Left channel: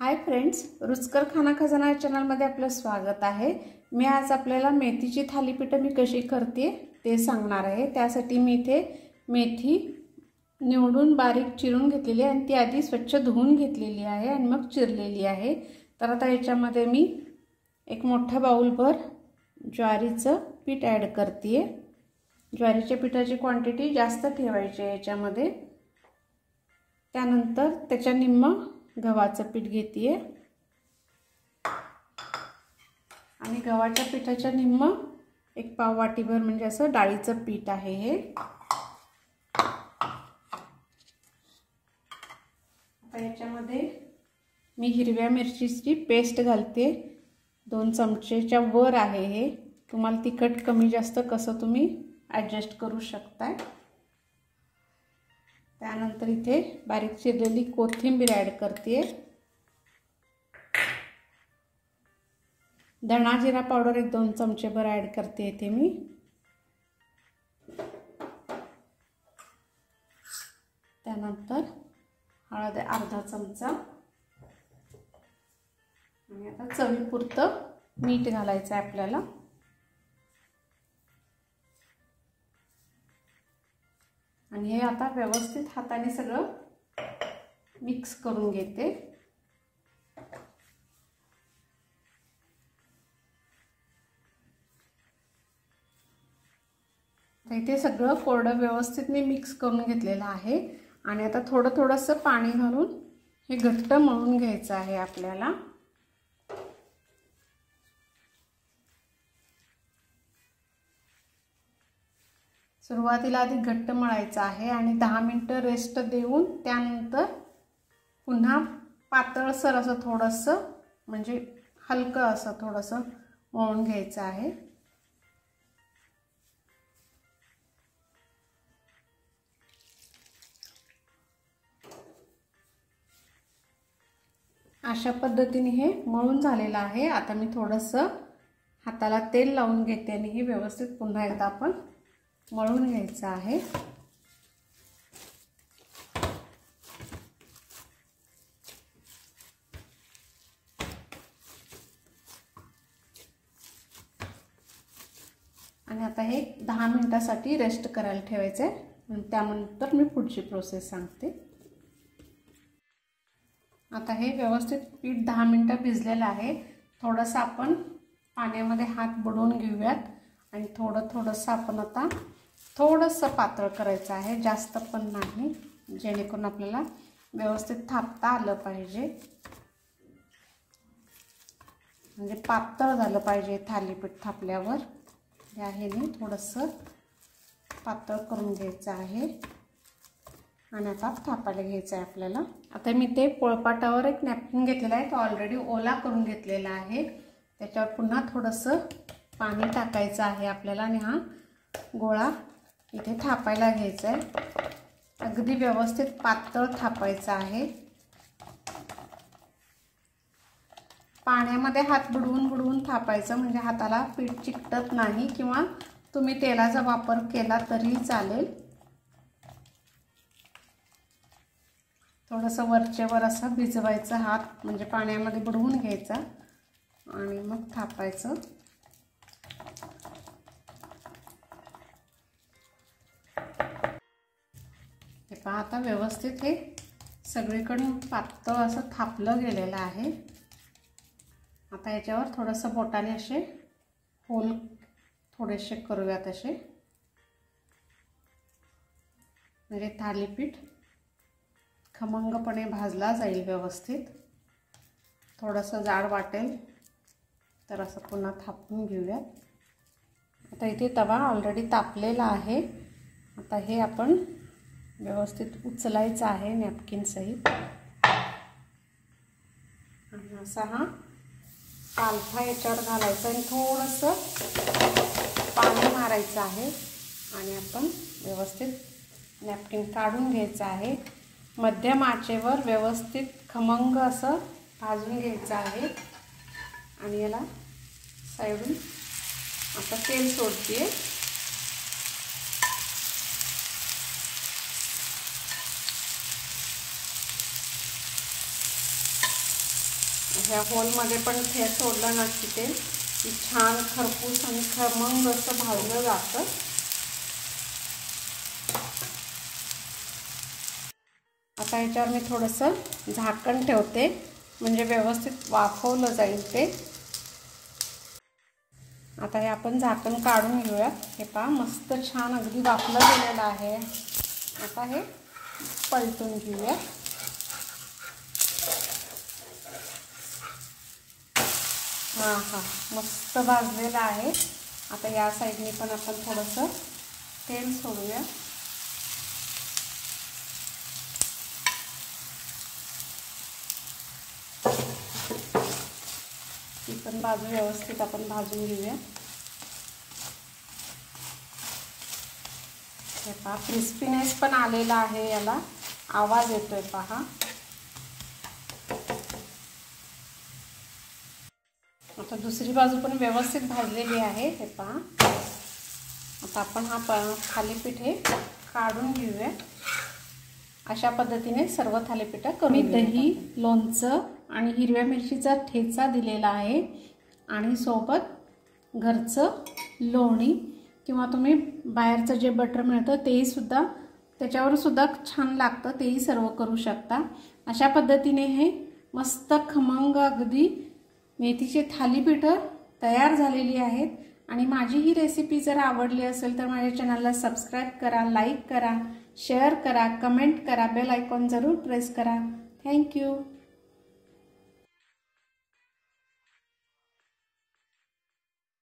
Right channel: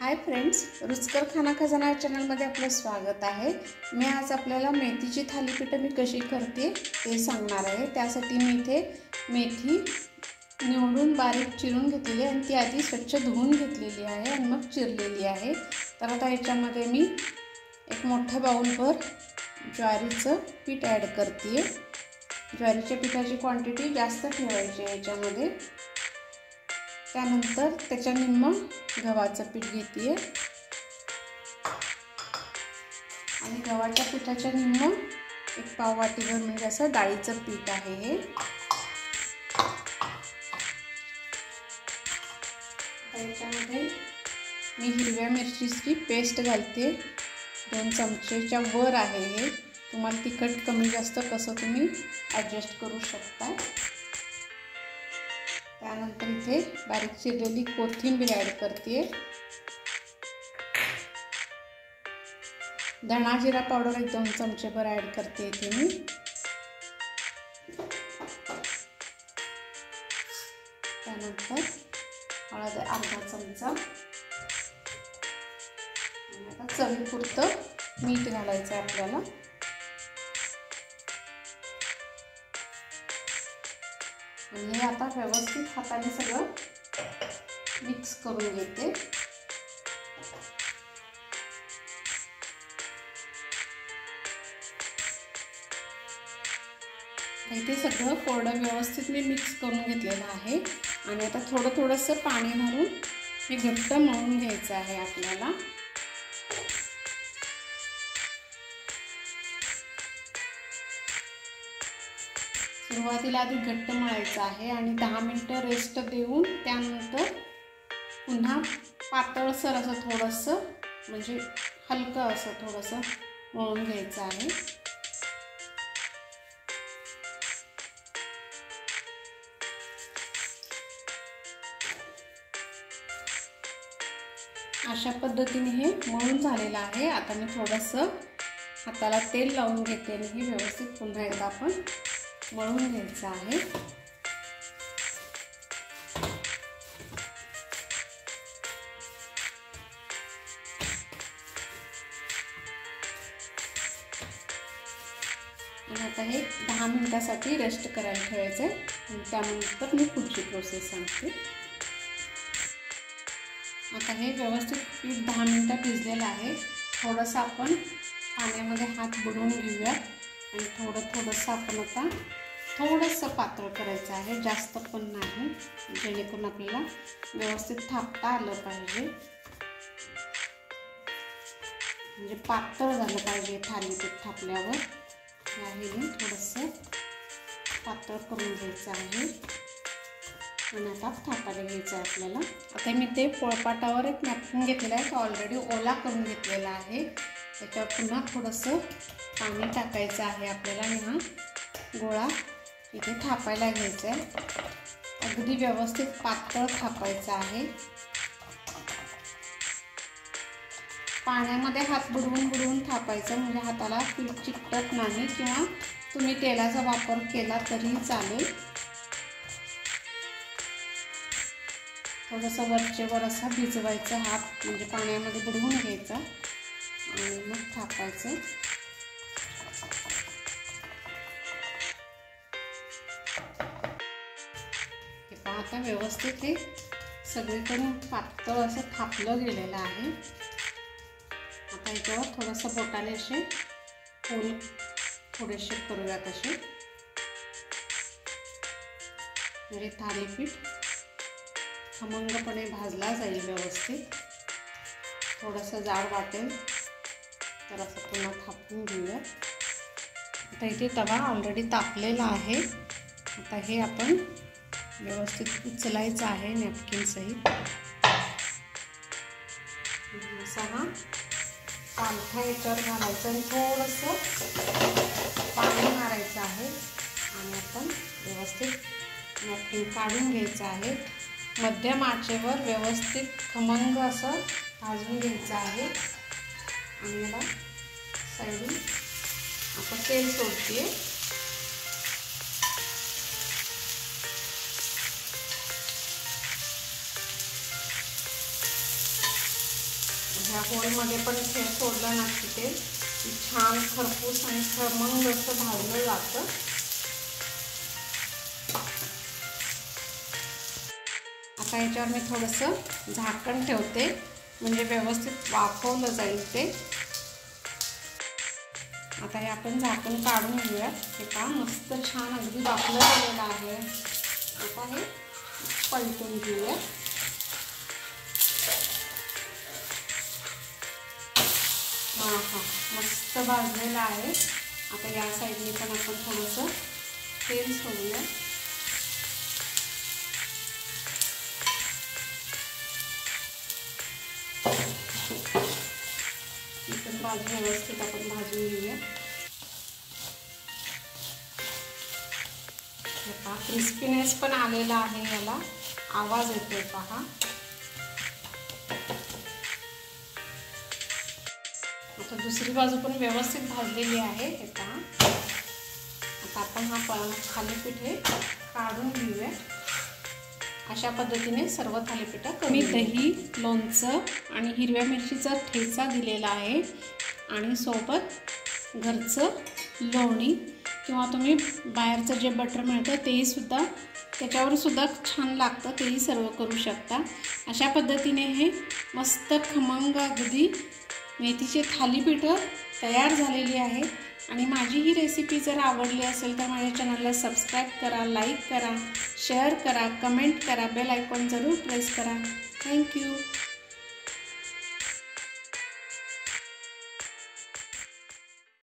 Hi friends, रुचकर खाना खजाना चॅनलमध्ये आपलं स्वागत आहे। मी आज आपल्याला मेथीची थालीपीठ मी कशी करते ते सांगणार आहे। त्यासाठी मी इथे मेथी निवडून बारीक चिरून घेतलेली आहे आणि ती आधी स्वच्छ धुवून घेतलेली आहे आणि मग चिरलेली आहे। तर आता याच्यामध्ये मी एक मोठा बाउलभर ज्वारीचं पीठ ॲड करते। ज्वारीच्या पिठाची क्वांटिटी जास्त ठेवायची आहे याच्यामध्ये। त्यानंतर त्याच्या निम्म गव्हाचं पीठ घेते आणि गव्हाच्या पिठाच्या निम्म एक पाव वाटीभर म्हणजे असं डाळीचं पीठ आहे हे। याच्यामध्ये मी हिरव्या मिरचीची पेस्ट घालते, 2 चमचेच्या वर आहे हे। तुम्हाला तिखट कमी जास्त कसं तुम्ही ॲडजस्ट करू शकता। त्यानंतर इथे बारीक चिरलेली कोथिंबीर ॲड करते। धणा जिरा पावडर 1-2 चमचेभर ॲड करते इथे मी। त्यानंतर हळद अर्धा चमचा आणि आता चवीपुरतं मीठ घालायचं आहे आपल्याला। आणि हे आता व्यवस्थित हाताने सगळं मिक्स करून घेते। इथे सगळं कोरडं व्यवस्थित मी मिक्स करून घेतलेलं आहे आणि आता थोडंसं पाणी घालून हे घट्ट मळून घ्यायचं आहे आपल्याला। सुरुवातीला आधी घट्ट मळायचं आहे आणि 10 मिनिटं रेस्ट देऊन त्यानंतर पुन्हा पातळसर असं थोडंसं म्हणजे हलकं असं थोडंसं मळून घ्यायचं आहे। अशा पद्धतीने हे मळून झालेलं आहे। आता मी थोडंसं हाताला तेल लावून घेते आणि हे व्यवस्थित पुन्हा एकदा आपण मळून घ्यायचं आहे। आणि आता हे 10 मिनिटासाठी रेस्ट करायला ठेवायचं आहे आणि त्यानंतर मी पुढची प्रोसेस सांगते। आता हे व्यवस्थित पीठ 10 मिनिटं भिजलेलं आहे। थोडंसं आपण पाण्यामध्ये हात बुडवून घेऊयात आणि थोडंसं आपण आता थोडंसं पातळ करायचं आहे, जास्त पण नाही, जेणेकरून आपल्याला व्यवस्थित थापता आलं पाहिजे। म्हणजे पातळ झालं पाहिजे थालीपीठ थापल्यावर। या ह्याने थोडंसं पातळ करून घ्यायचं आहे आणि आता थापायला घ्यायचं आहे आपल्याला। आता मी ते पोळपाटावर एक नॅपकिन घेतलेला आहे, तो ऑलरेडी ओला करून घेतलेला आहे। त्याच्यावर पुन्हा थोडंसं पाणी टाकायचं आहे आपल्याला आणि हा गोळा इथे थापायला घ्यायचा आहे। अगदी व्यवस्थित पातळ थापायचं आहे। पाण्यामध्ये हात बुडवून थापायचं म्हणजे हाताला पीठ चिकटत नाही, किंवा तुम्ही तेलाचा वापर केला तरीही चालेल। थोडंसं वरचेवर असं भिजवायचं हात, म्हणजे पाण्यामध्ये बुडवून घ्यायचा आणि मग थापायचं। आता व्यवस्थित हे सगळीकडून पातळ असं थापलं गेलेलं आहे। आता याच्यावर थोडंसं बोटाने असे होल थोडेसे करूयात असे, म्हणजे थालीपीठ खमंगपणे भाजला जाईल व्यवस्थित। थोडंसं जाड वाटेल तर असं पुन्हा थापून घेऊया। आता इथे तवा ऑलरेडी तापलेला आहे। आता हे आपण व्यवस्थित उचलायचं आहे नॅपकिन सहित। असा हा पालथा याच्यावर घालायचा आणि थोडंसं पाणी मारायचं आहे आणि आपण व्यवस्थित नॅपकिन काढून घ्यायचं आहे। मध्यम आचेवर व्यवस्थित खमंग असं भाजून घ्यायचं आहे आणि याला साईडून आता तेल सोडते। ह्या होलमध्ये पण हे सोडलं ना की ते छान खरपूस आणि खमंग असं भाजलं जातं. आता याच्यावर मी थोडंसं झाकण ठेवते म्हणजे व्यवस्थित वाफवलं जाईल ते. आता हे आपण झाकण काढून घेऊया. हे पहा मस्त छान अगदी वाफलं गेलेलं आहे. आता हे पलटून घेऊया. हां मस्त भाजलेलं आहे. आता या साईडने पण आपण थोडंसं तेल सोडूया. ही पण भाजी व्यवस्थित आपण भाजून घेऊया. पहा क्रिस्पीनेस पण आलेला आहे, याला आवाज येतोय पहा. आता दुसरी बाजू पण व्यवस्थित भाजलेली आहे. हे पहा आता आपण हा थालीपीठ हे काढून घेऊया. अशा पद्धतीने सर्व थालीपीठ कमी दही, लोणचं आणि हिरव्या मिरचीचा ठेचा दिलेला आहे आणि सोबत घरचं लोणी किंवा तुम्ही बाहेरचं जे बटर मिळतं तेही सुद्धा त्याच्यावर सुद्धा छान लागतं, तेही सर्व करू शकता. अशा पद्धतीने हे मस्त खमंग अगदी मेथीचे थालीपीठं तयार झालेली आहे. आणि माझी ही रेसिपी जर आवडली असेल तर माझ्या चॅनलला सबस्क्राईब करा, लाईक करा, शेअर करा, कमेंट करा, बेल आयकॉन जरूर प्रेस करा. थँक्यू.